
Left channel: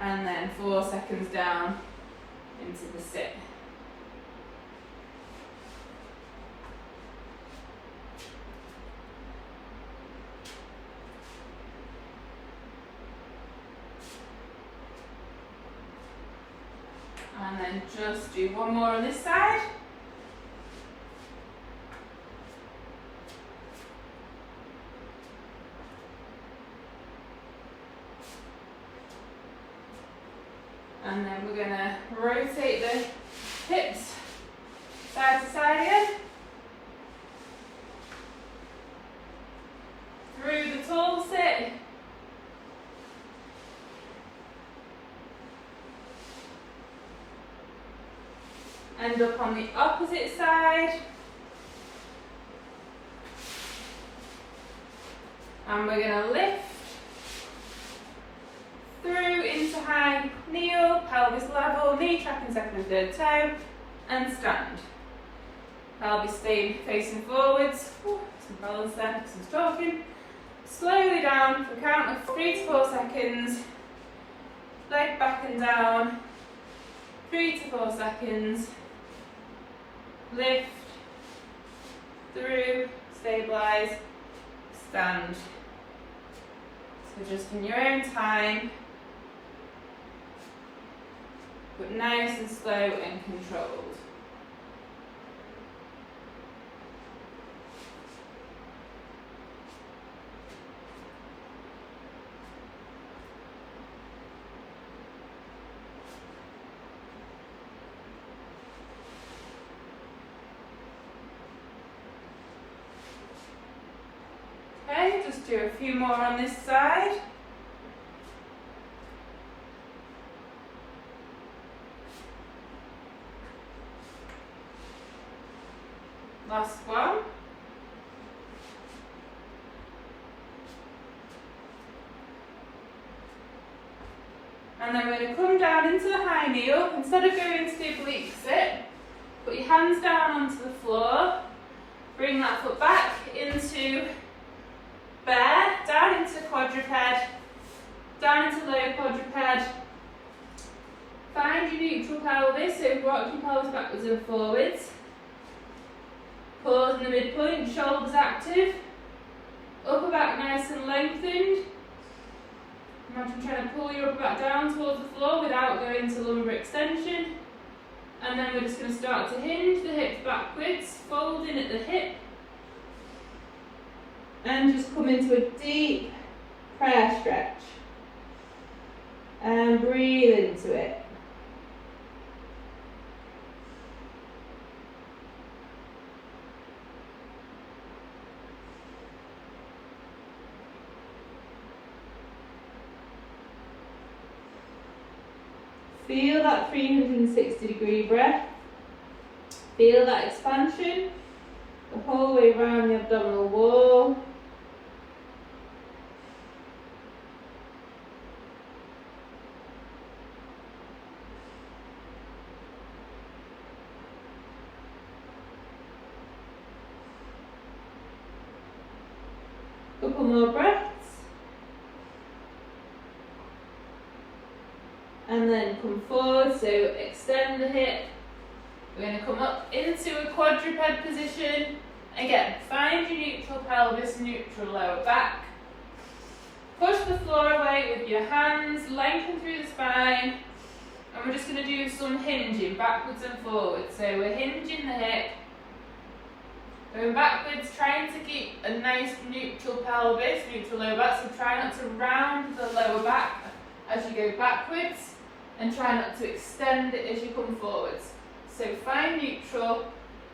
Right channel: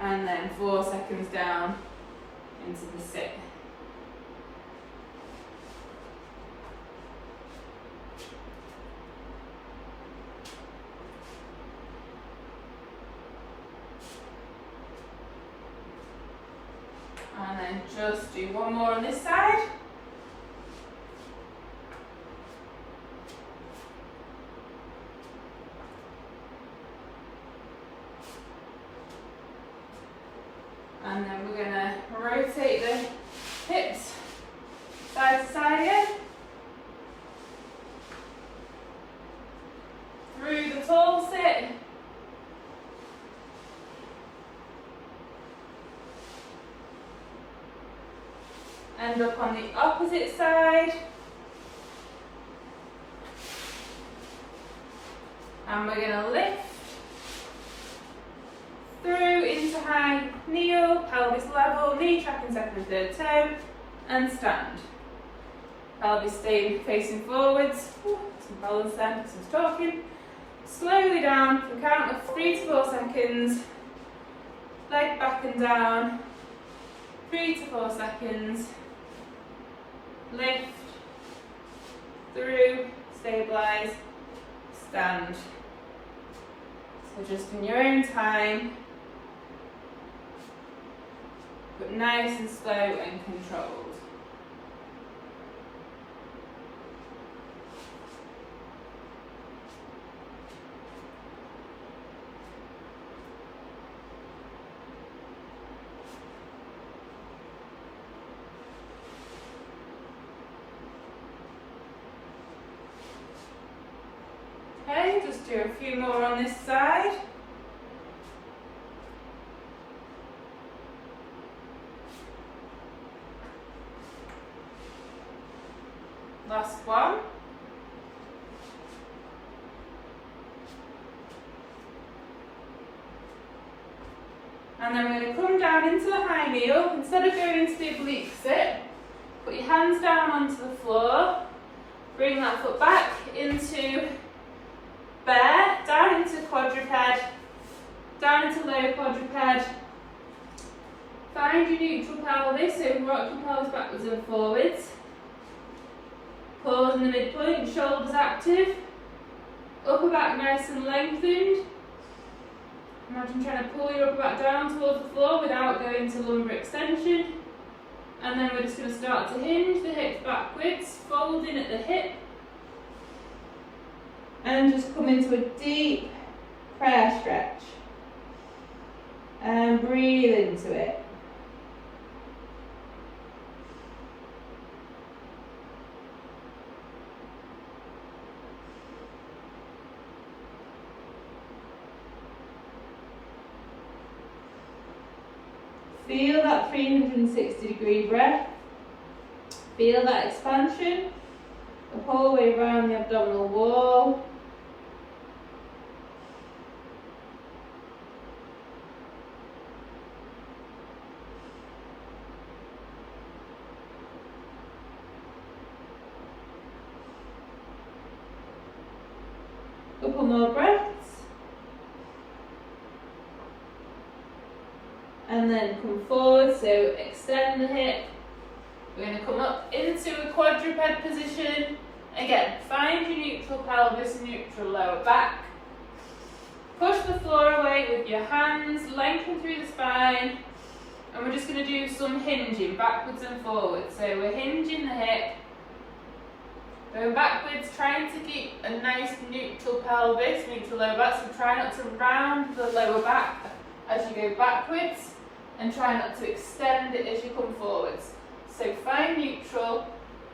and then 4 seconds down into the sit. And then just do one more on this side. And then we're going to rotate the hips side to side again. Through the tall sit. End up on the opposite side. And we're going to lift through into high kneel, pelvis level, knee trapping second and third toe, and stand. Pelvis staying facing forwards. Some balance there because I was talking. Slowly down for a count of 3 to 4 seconds. Leg back and down. 3 to 4 seconds. Lift, through, stabilise, stand. So just in your own time, but nice and slow and controlled. Okay, just do a few more on this side. Last one. And then we're going to come down into the high kneel. Instead of going into the oblique sit, put your hands down onto the floor. Bring that foot back into bear, down into quadruped, down into low quadruped. Find your neutral pelvis, so rock your pelvis backwards and forwards. Pause in the midpoint, shoulders active. Upper back nice and lengthened. Imagine trying to pull your upper back down towards the floor without going to lumbar extension. And then we're just going to start to hinge the hips backwards, folding at the hip. And just come into a deep prayer stretch. And breathe into it. Feel that 360-degree breath. Feel that expansion the whole way around the abdominal wall. couple more breaths. And then come forward, so extend the hip. We're going to come up into a quadruped position. Again, find your neutral pelvis, neutral lower back. Push the floor away with your hands, lengthen through the spine. And we're just going to do some hinging, backwards and forwards. So we're hinging the hip. Going backwards, trying to keep a nice neutral pelvis, neutral lower back. So try not to round the lower back as you go backwards. And try not to extend it as you come forwards. So find neutral,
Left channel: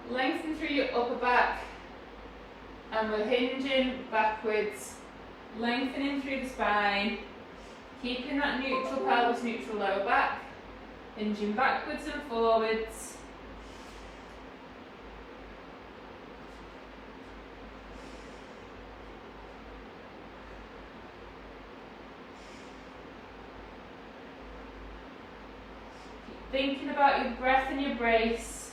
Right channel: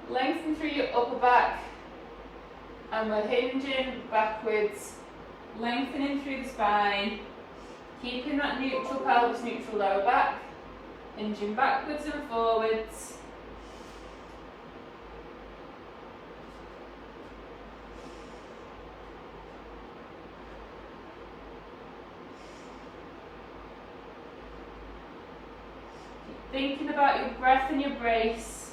lengthen through your upper back, and we're hinging backwards, lengthening through the spine, keeping that neutral pelvis, neutral lower back, hinging backwards and forwards. Thinking about your breath and your brace.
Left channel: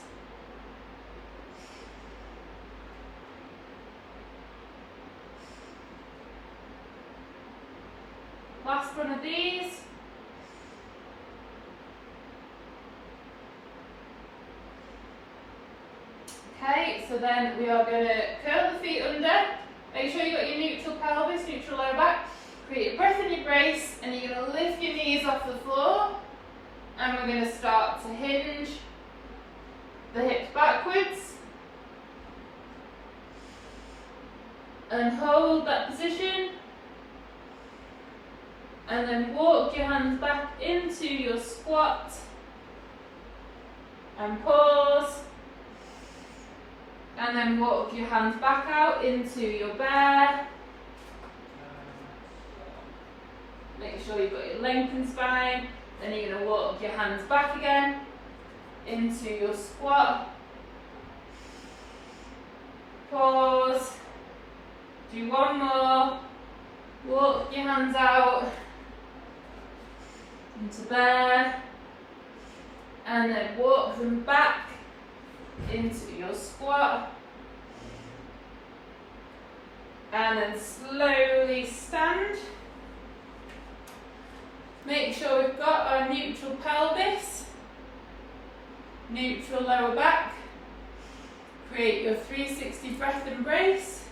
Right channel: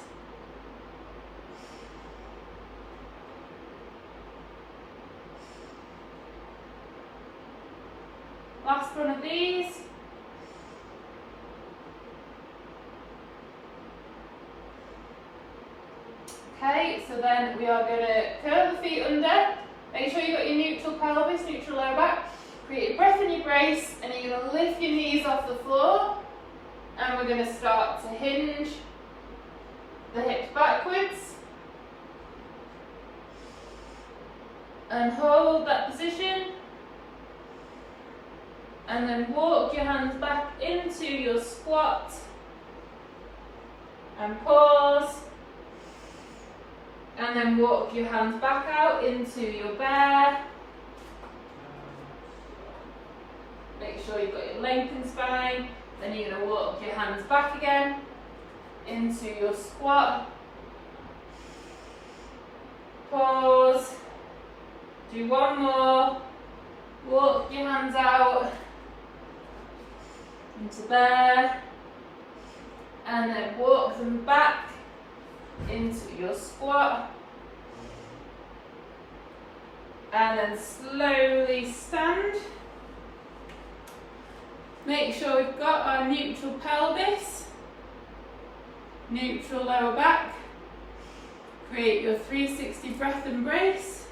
Last one of these. Okay, so then we are going to curl the feet under. Make sure you've got your neutral pelvis, neutral lower back. Create your breath and your brace, and you're going to lift your knees off the floor. And we're going to start to hinge the hips backwards. And hold that position. And then walk your hands back into your squat. And pause. And then walk your hands back out into your bear. Make sure you've got your lengthened spine. Then you're going to walk your hands back again into your squat. Pause. Do one more. Walk your hands out into bear. And then walk them back into your squat. And then slowly stand. Make sure we've got our neutral pelvis, neutral lower back. Create your 360 breath and brace.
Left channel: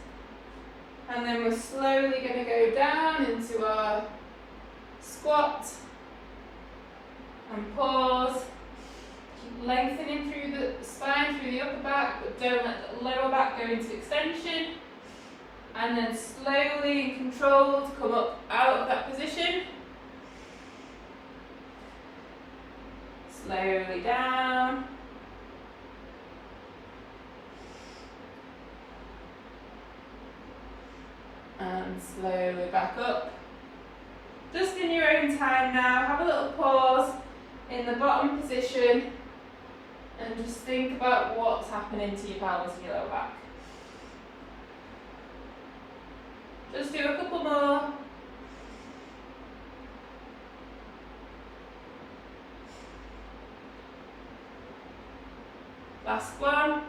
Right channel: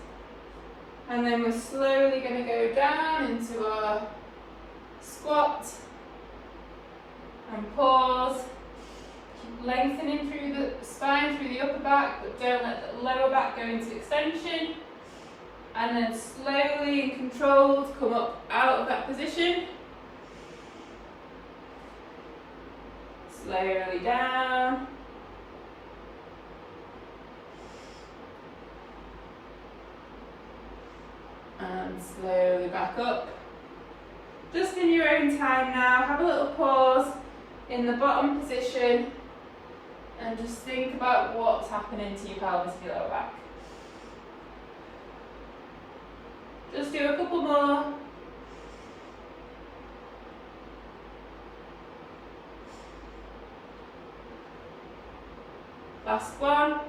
And then we're slowly going to go down into our squat and pause. Keep lengthening through the spine, through the upper back, but don't let the lower back go into extension. And then slowly and controlled come up out of that position. Slowly down. And slowly back up. Just in your own time now, have a little pause in the bottom position and just think about what's happening to your pelvis and your lower back. Just do a couple more. Last one.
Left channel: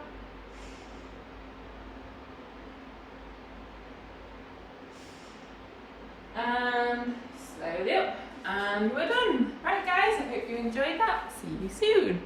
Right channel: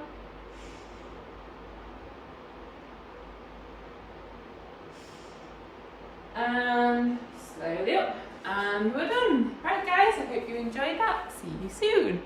And slowly up. And we're done. Right guys, I hope you enjoyed that. See you soon.